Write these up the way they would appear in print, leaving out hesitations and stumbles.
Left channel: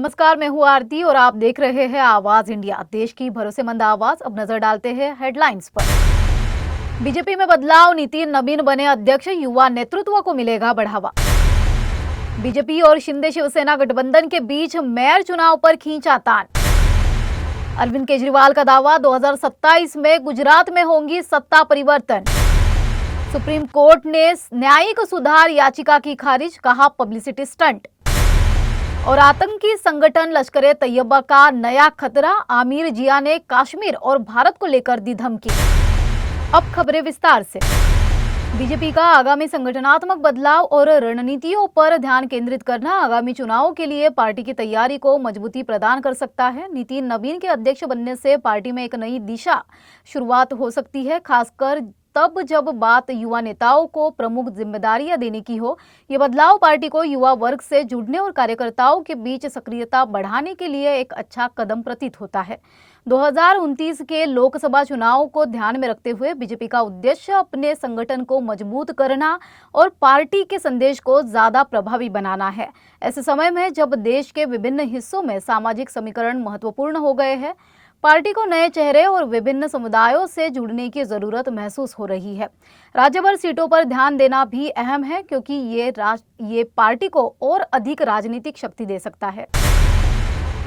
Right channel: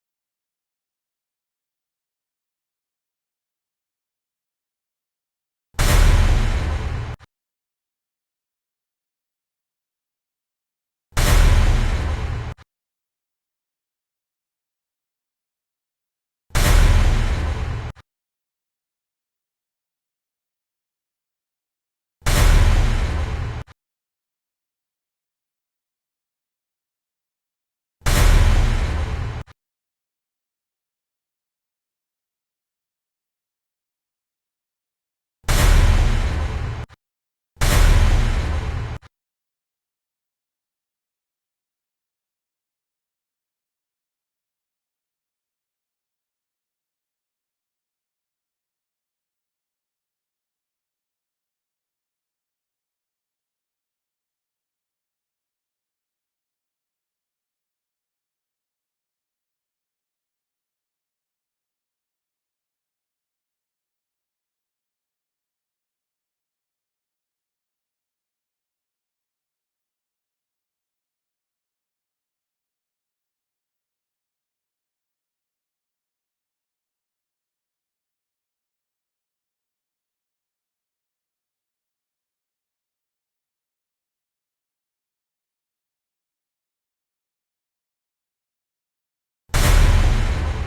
नमस्कार, मैं हूँ आरती और आप देख रहे हैं आवाज इंडिया, देश की भरोसेमंद आवाज। अब नजर डालते हैं हेडलाइंस पर। बीजेपी में बदलाव, नितिन नवीन बने अध्यक्ष, युवा नेतृत्व को मिलेगा बढ़ावा। बीजेपी और शिंदे शिवसेना गठबंधन के बीच मेयर चुनाव पर खींचा तान। अरविंद केजरीवाल का दावा, 2027 में गुजरात में होंगी सत्ता परिवर्तन। सुप्रीम कोर्ट ने न्यायिक सुधार याचिका की खारिज, कहा पब्लिसिटी स्टंट। और आतंकी संगठन लश्कर-ए तैयबा का नया खतरा, आमिर जिया ने कश्मीर और भारत को लेकर दी धमकी। अब खबरें विस्तार से। बीजेपी का आगामी संगठनात्मक बदलाव और रणनीतियों पर ध्यान केंद्रित करना आगामी चुनावों के लिए पार्टी की तैयारी को मजबूती प्रदान कर सकता है। नितिन नवीन के अध्यक्ष बनने से पार्टी में एक नई दिशा शुरुआत हो सकती है, खासकर तब जब बात युवा नेताओं को प्रमुख जिम्मेदारियां देने की हो। ये बदलाव पार्टी को युवा वर्ग से जुड़ने और कार्यकर्ताओं के बीच सक्रियता बढ़ाने के लिए एक अच्छा कदम प्रतीत होता है। 2029 के लोकसभा चुनाव को ध्यान में रखते हुए बीजेपी का उद्देश्य अपने संगठन को मजबूत करना और पार्टी के संदेश को ज्यादा प्रभावी बनाना है। ऐसे समय में जब देश के विभिन्न हिस्सों में सामाजिक समीकरण महत्वपूर्ण हो गए हैं, पार्टी को नए चेहरे और विभिन्न समुदायों से जुड़ने की जरूरत महसूस हो रही है। राज्य भर सीटों पर ध्यान देना भी अहम है, क्योंकि ये पार्टी को और अधिक राजनीतिक शक्ति दे सकता है।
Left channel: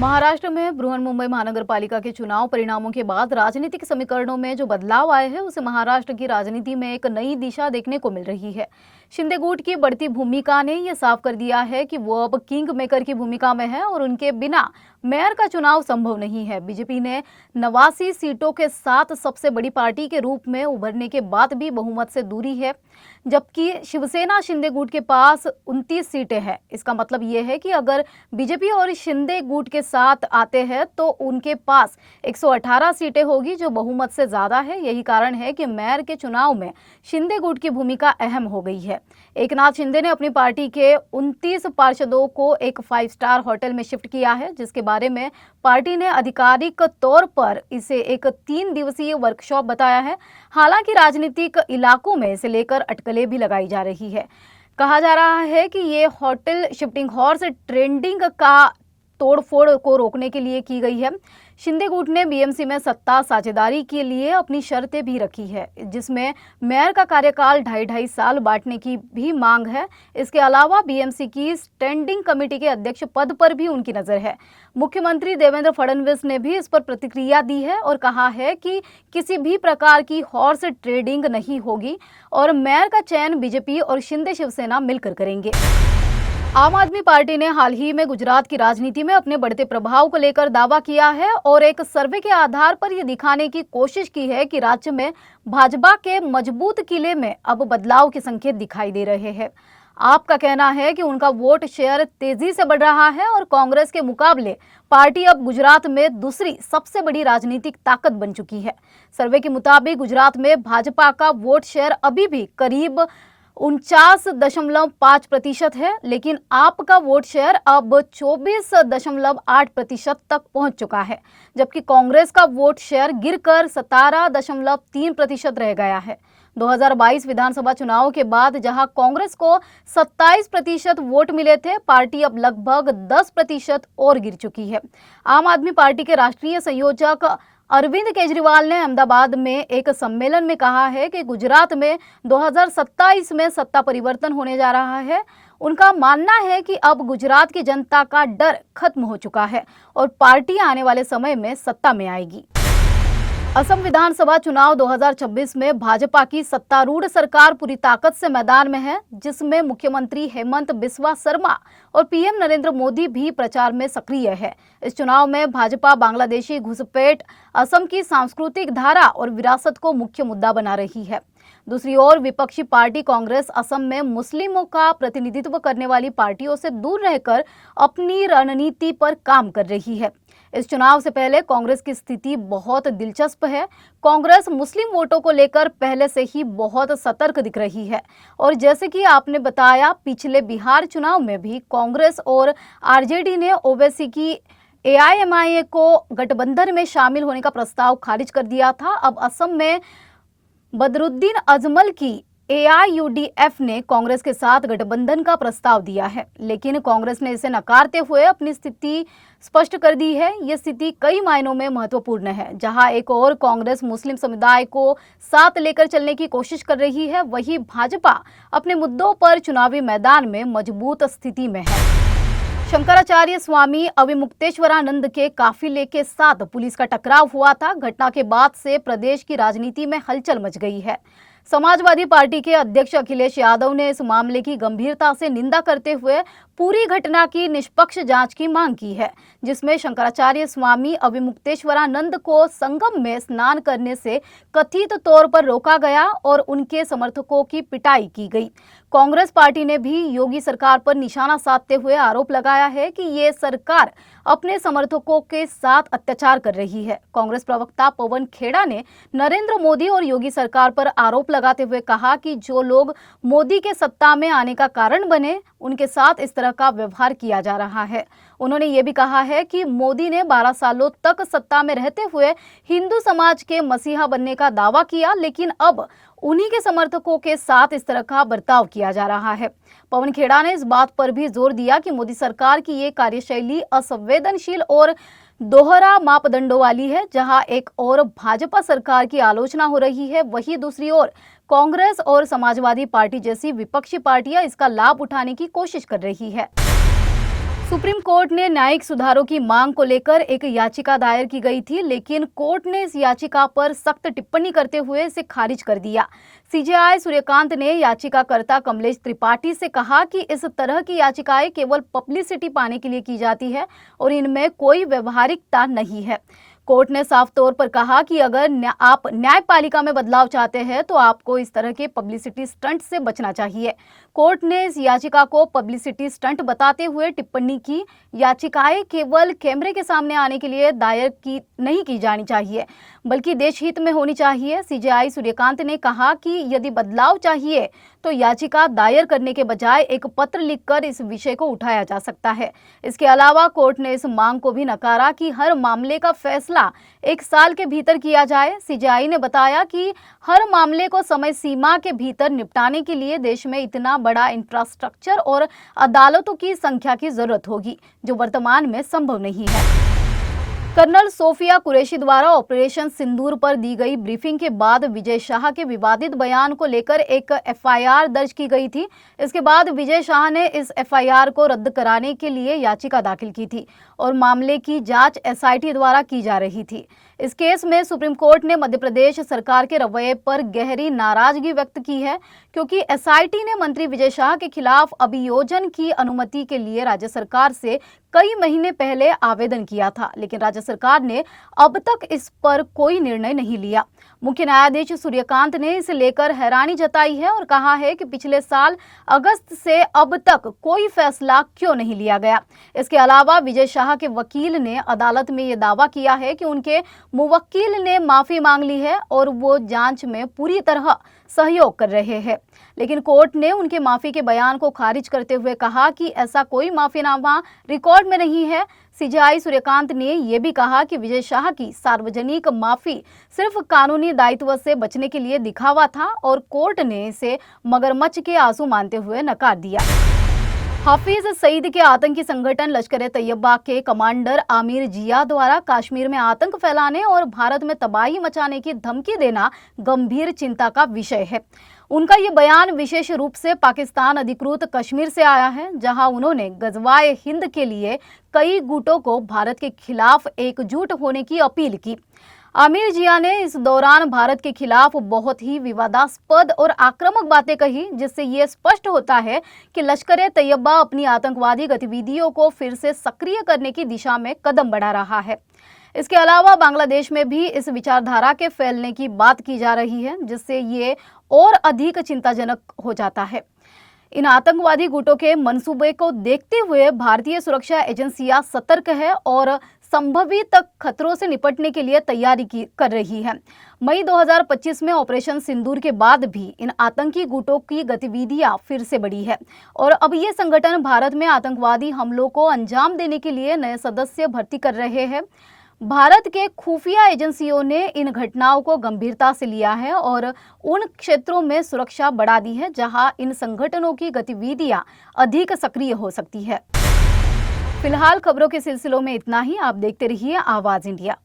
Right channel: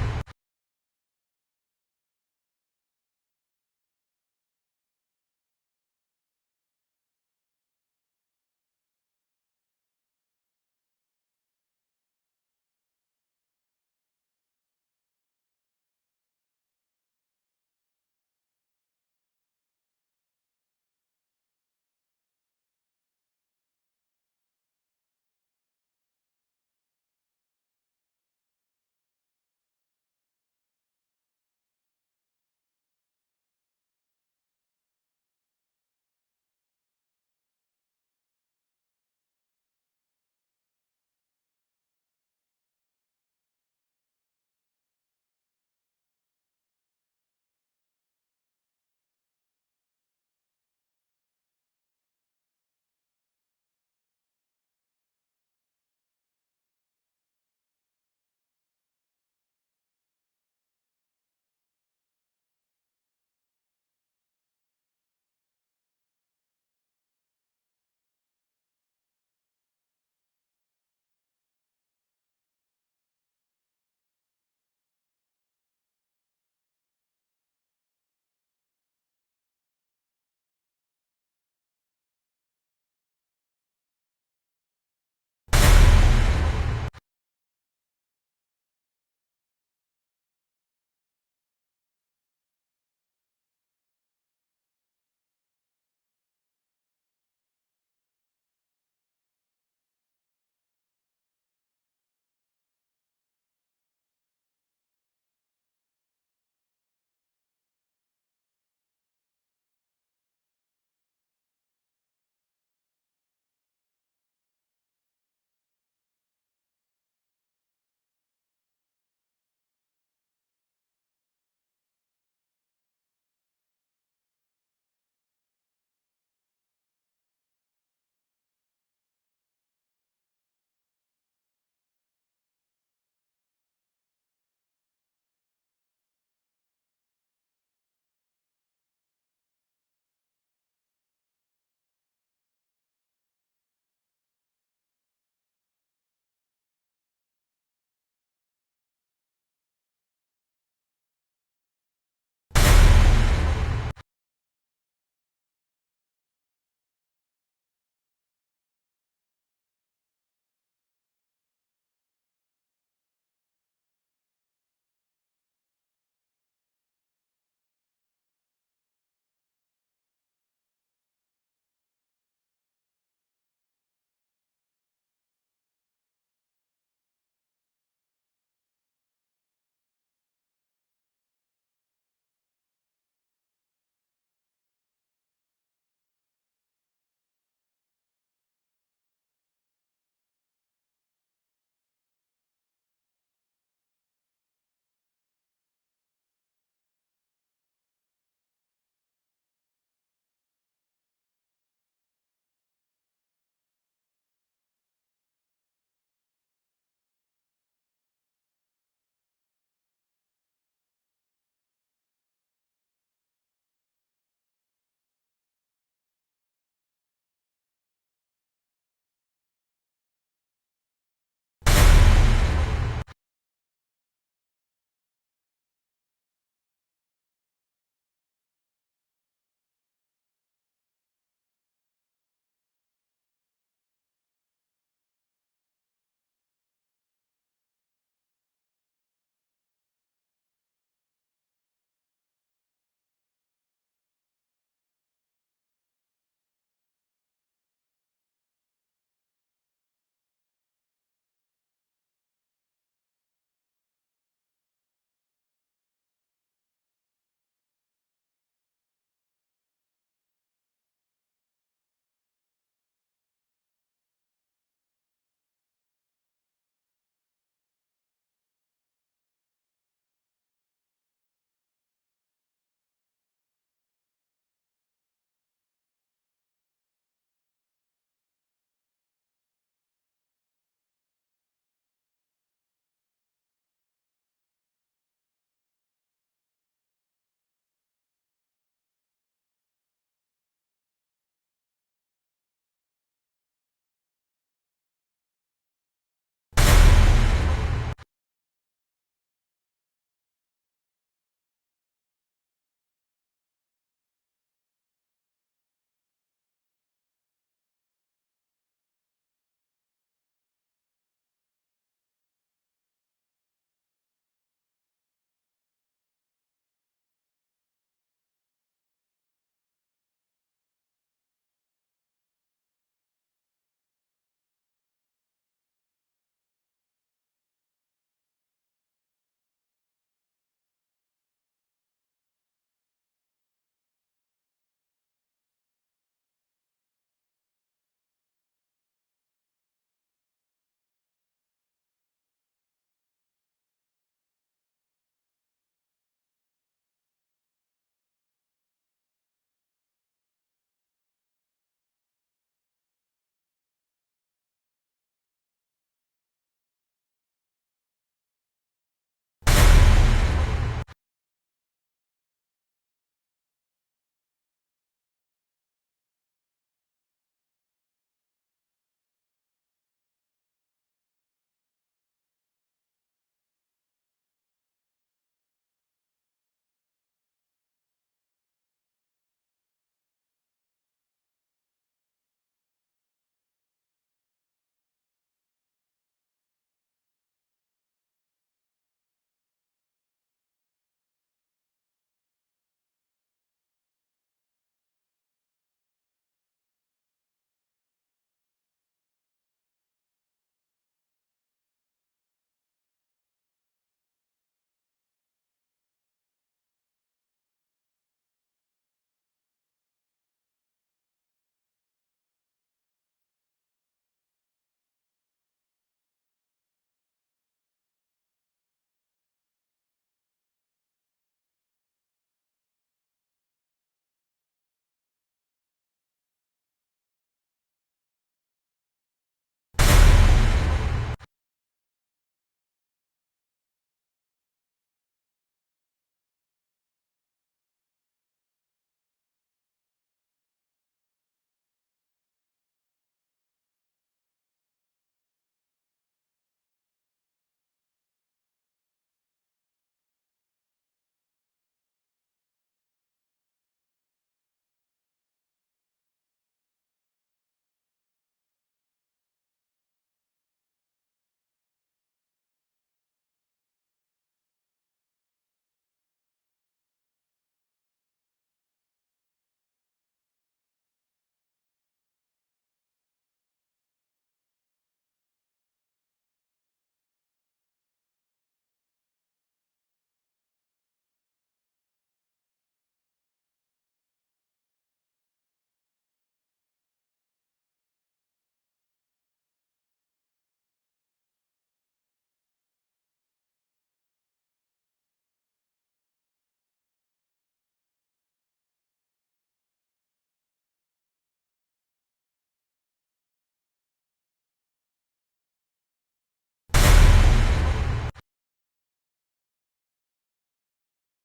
महाराष्ट्र में बृहन्मुंबई महानगर पालिका के चुनाव परिणामों के बाद राजनीतिक समीकरणों में जो बदलाव आए हैं, उसे महाराष्ट्र की राजनीति में एक नई दिशा देखने को मिल रही है। शिंदे गुट की बढ़ती भूमिका ने यह साफ कर दिया है कि वो अब किंग मेकर की भूमिका में है और उनके बिना मेयर का चुनाव संभव नहीं है। बीजेपी ने 89 सीटों के साथ सबसे बड़ी पार्टी के रूप में उभरने के बाद भी बहुमत से दूरी है, जबकि शिवसेना शिंदे गुट के पास 29 सीटें हैं। इसका मतलब ये है कि अगर बीजेपी और शिंदे गुट के साथ आते हैं तो उनके पास 118 सीटें होगी, जो बहुमत से ज्यादा है। यही कारण है कि मेयर के चुनाव में शिंदे गुट की भूमिका अहम हो गई है। एकनाथ शिंदे ने अपनी पार्टी के 29 पार्षदों को एक 5 स्टार होटल में शिफ्ट किया है, जिसके बारे में पार्टी ने आधिकारिक तौर पर इसे एक 3 दिवसीय वर्कशॉप बताया है। हालांकि राजनीतिक इलाकों में इसे लेकर अटकलें भी लगाई जा रही है। कहा जा रहा है कि ये होटल शिफ्टिंग हॉर्स ट्रेंडिंग का तोड़फोड़ को रोकने के लिए की गई है। शिंदे गुट ने बीएमसी में सत्ता साझेदारी के लिए अपनी शर्तें भी रखी है, जिसमें मेयर का कार्यकाल 2.5 साल बांटने की भी मांग है। इसके अलावा बीएमसी की स्टैंडिंग कमेटी के अध्यक्ष पद पर भी उनकी नजर है। मुख्यमंत्री देवेंद्र फडणवीस ने भी इस पर प्रतिक्रिया दी है और कहा है कि किसी भी प्रकार की हॉर्स ट्रेडिंग नहीं होगी और मेयर का चयन बीजेपी और शिंदे शिवसेना मिलकर करेंगे। आम आदमी पार्टी ने हाल ही में गुजरात की राजनीति में अपने बढ़ते प्रभाव को लेकर दावा किया है और एक सर्वे के आधार पर यह दिखाने की कोशिश की है कि राज्य में भाजपा के मजबूत किले में अब बदलाव के संकेत दिखाई दे रहे हैं। आपका कहना है कि उनका वोट शेयर तेजी से बढ़ रहा है और कांग्रेस के मुकाबले पार्टी अब गुजरात में दूसरी सबसे बड़ी राजनीतिक ताकत बन चुकी है। सर्वे के मुताबिक गुजरात में भाजपा का वोट शेयर अभी भी करीब 49.5% है, लेकिन आपका वोट शेयर अब 24.8% तक पहुंच चुका है, जबकि कांग्रेस का वोट शेयर गिरकर 17.3% रह गया है। 2022 विधानसभा चुनाव के बाद जहां कांग्रेस को 27% वोट मिले थे, पार्टी अब लगभग 10% और गिर चुकी है। आम आदमी पार्टी के राष्ट्रीय संयोजक अरविंद केजरीवाल ने अहमदाबाद में एक सम्मेलन में कहा है कि गुजरात में 2027 में सत्ता परिवर्तन होने जा रहा है। उनका मानना है कि अब गुजरात की जनता का डर खत्म हो चुका है और पार्टी आने वाले समय में सत्ता में आएगी। असम विधानसभा चुनाव 2026 में भाजपा की सत्तारूढ़ सरकार पूरी ताकत से मैदान में है, जिसमें मुख्यमंत्री हेमंत बिस्वा शर्मा और पीएम नरेंद्र मोदी भी प्रचार में सक्रिय है। इस चुनाव में भाजपा बांग्लादेशी घुसपैठ, असम की सांस्कृतिक धारा और विरासत को मुख्य मुद्दा बना रही है। दूसरी ओर विपक्षी पार्टी कांग्रेस असम में मुस्लिमों का प्रतिनिधित्व करने वाली पार्टियों से दूर रहकर अपनी रणनीति पर काम कर रही है। इस चुनाव से पहले कांग्रेस की स्थिति बहुत दिलचस्प है। कांग्रेस मुस्लिम वोटों को लेकर पहले से ही बहुत सतर्क दिख रही है और जैसे कि आपने बताया, पिछले बिहार चुनाव में भी कांग्रेस और आरजेडी ने ओवैसी की एआईएमआईए को गठबंधन में शामिल होने का प्रस्ताव खारिज कर दिया था। अब असम में बदरुद्दीन अजमल की एआईयूडीएफ ने कांग्रेस के साथ गठबंधन का प्रस्ताव दिया है, लेकिन कांग्रेस ने इसे नकारते हुए अपनी स्थिति स्पष्ट कर दी है। ये स्थिति कई मायनों में महत्वपूर्ण है। जहां एक और कांग्रेस मुस्लिम समुदाय को साथ लेकर चलने की कोशिश कर रही है, वहीं भाजपा अपने मुद्दों पर चुनावी मैदान में मजबूत स्थिति में है। शंकराचार्य स्वामी अविमुक्तेश्वरानंद के काफिले के साथ पुलिस का टकराव हुआ था। घटना के बाद से प्रदेश की राजनीति में हलचल मच गई है। समाजवादी पार्टी के अध्यक्ष अखिलेश यादव ने इस मामले की गंभीरता से निंदा करते हुए पूरी घटना की निष्पक्ष जांच की मांग की है, जिसमें शंकराचार्य स्वामी अविमुक्तेश्वरानंद को संगम में स्नान करने से कथित तौर पर रोका गया और उनके समर्थकों की पिटाई की गई। कांग्रेस पार्टी ने भी योगी सरकार पर निशाना साधते हुए आरोप लगाया है कि ये सरकार अपने समर्थकों के साथ अत्याचार कर रही है। कांग्रेस प्रवक्ता पवन खेड़ा ने नरेंद्र मोदी और योगी सरकार पर आरोप लगाते हुए कहा कि जो लोग मोदी के सत्ता में आने का कारण बने, उनके साथ इस तरह का व्यवहार किया जा रहा है। उन्होंने ये भी कहा है कि मोदी ने 12 सालों तक सत्ता में रहते हुए हिंदू समाज के मसीहा बनने का दावा किया, लेकिन अब उन्हीं के समर्थकों के साथ इस तरह का बर्ताव किया जा रहा है। पवन खेड़ा ने इस बात पर भी जोर दिया कि मोदी सरकार की ये कार्यशैली असंवेदनशील और दोहरा मापदंडों वाली है। जहां एक और भाजपा सरकार की आलोचना हो रही है, वहीं दूसरी ओर कांग्रेस और समाजवादी पार्टी जैसी विपक्षी पार्टियां इसका लाभ उठाने की कोशिश कर रही है। सुप्रीम कोर्ट ने न्यायिक सुधारों की मांग को लेकर एक याचिका दायर की गई थी, लेकिन कोर्ट ने इस याचिका पर सख्त टिप्पणी करते हुए इसे खारिज कर दिया। सीजेआई सूर्यकांत ने याचिकाकर्ता कमलेश त्रिपाठी से कहा कि इस तरह की याचिकाएं केवल पब्लिसिटी पाने के लिए की जाती है और इनमें कोई व्यवहारिकता नहीं है। कोर्ट ने साफ तौर पर कहा कि अगर आप न्यायपालिका में बदलाव चाहते हैं तो आपको इस तरह के पब्लिसिटी स्टंट से बचना चाहिए। कोर्ट ने इस याचिका को पब्लिसिटी स्टंट बताते हुए टिप्पणी की, याचिकाएं केवल कैमरे के सामने आने के लिए दायर नहीं की जानी चाहिए, बल्कि देश हित में होनी चाहिए। सीजेआई सूर्यकांत ने कहा कि यदि बदलाव चाहिए तो याचिका दायर करने के बजाय एक पत्र लिखकर इस विषय को उठाया जा सकता है। इसके अलावा कोर्ट ने इस मांग को भी नकारा कि हर मामले का फैसला 1 साल के भीतर किया जाए। सीजेआई ने बताया कि हर मामले को समय सीमा के भीतर निपटाने के लिए देश में इतना बड़ा इंफ्रास्ट्रक्चर और अदालतों की संख्या की जरूरत होगी, जो वर्तमान में संभव नहीं है। कर्नल सोफिया कुरैशी द्वारा ऑपरेशन सिंदूर पर दी गई ब्रीफिंग के बाद विजय शाह के विवादित बयान को लेकर एक एफआईआर दर्ज की गई थी। इसके बाद विजय शाह ने इस एफआईआर को रद्द कराने के लिए याचिका दाखिल की थी और मामले की जांच एसआईटी द्वारा की जा रही थी। इस केस में सुप्रीम कोर्ट ने मध्य प्रदेश सरकार के रवैये पर गहरी नाराजगी व्यक्त की है, क्योंकि एसआईटी ने मंत्री विजय शाह के खिलाफ अभियोजन की अनुमति के लिए राज्य सरकार से कई महीने पहले आवेदन किया था, लेकिन राज्य सरकार ने अब तक इस पर कोई निर्णय नहीं लिया। मुख्य न्यायाधीश सूर्यकांत ने इसे लेकर हैरानी जताई है और कहा है कि पिछले साल अगस्त से अब तक कोई फैसला क्यों नहीं लिया गया। इसके अलावा विजय शाह के वकील ने अदालत में ये दावा किया है कि उनके मुवक्किल ने माफी मांग ली है और वो जांच में पूरी तरह सहयोग कर रहे हैं, लेकिन कोर्ट ने उनके माफी के बयान को खारिज करते हुए कहा कि ऐसा कोई माफीनामा रिकॉर्ड में नहीं है। सीजेआई सूर्यकांत ने यह भी कहा कि विजय शाह की सार्वजनिक माफी सिर्फ कानूनी दायित्व से बचने के लिए दिखावा था और कोर्ट ने इसे मगरमच्छ के आंसू मानते हुए नकार दिया। हाफिज सईद के आतंकी संगठन लश्कर ए तैयबा के कमांडर आमिर जिया द्वारा कश्मीर में आतंक फैलाने और भारत में तबाही मचाने की धमकी देना गंभीर चिंता का विषय है। उनका ये बयान विशेष रूप से पाकिस्तान अधिकृत कश्मीर से आया है, जहां उन्होंने गजवाए हिंद के लिए कई गुटों को भारत के खिलाफ एकजुट होने की अपील की। आमिर जिया ने इस दौरान भारत के खिलाफ बहुत ही विवादास्पद और आक्रामक बातें कही, जिससे ये स्पष्ट होता है कि लश्कर ए तैयबा अपनी आतंकवादी गतिविधियों को फिर से सक्रिय करने की दिशा में कदम बढ़ा रहा है। इसके अलावा बांग्लादेश में भी इस विचारधारा के फैलने की बात की जा रही है, जिससे ये और अधिक चिंताजनक हो जाता है। इन आतंकवादी गुटों के मंसूबे को देखते हुए भारतीय सुरक्षा एजेंसियां सतर्क है और संभावित खतरों से निपटने के लिए तैयारी कर रही है। मई 2025 में ऑपरेशन सिंदूर के बाद भी इन आतंकी गुटों की गतिविधियां फिर से बढ़ी है और अब ये संगठन भारत में आतंकवादी हमलों को अंजाम देने के लिए नए सदस्य भर्ती कर रहे हैं। भारत के खुफिया एजेंसियों ने इन घटनाओं को गंभीरता से लिया है और उन क्षेत्रों में सुरक्षा बढ़ा दी है जहां इन संगठनों की गतिविधियां अधिक सक्रिय हो सकती है। फिलहाल खबरों के सिलसिलों में इतना ही। आप देखते रहिए आवाज इंडिया।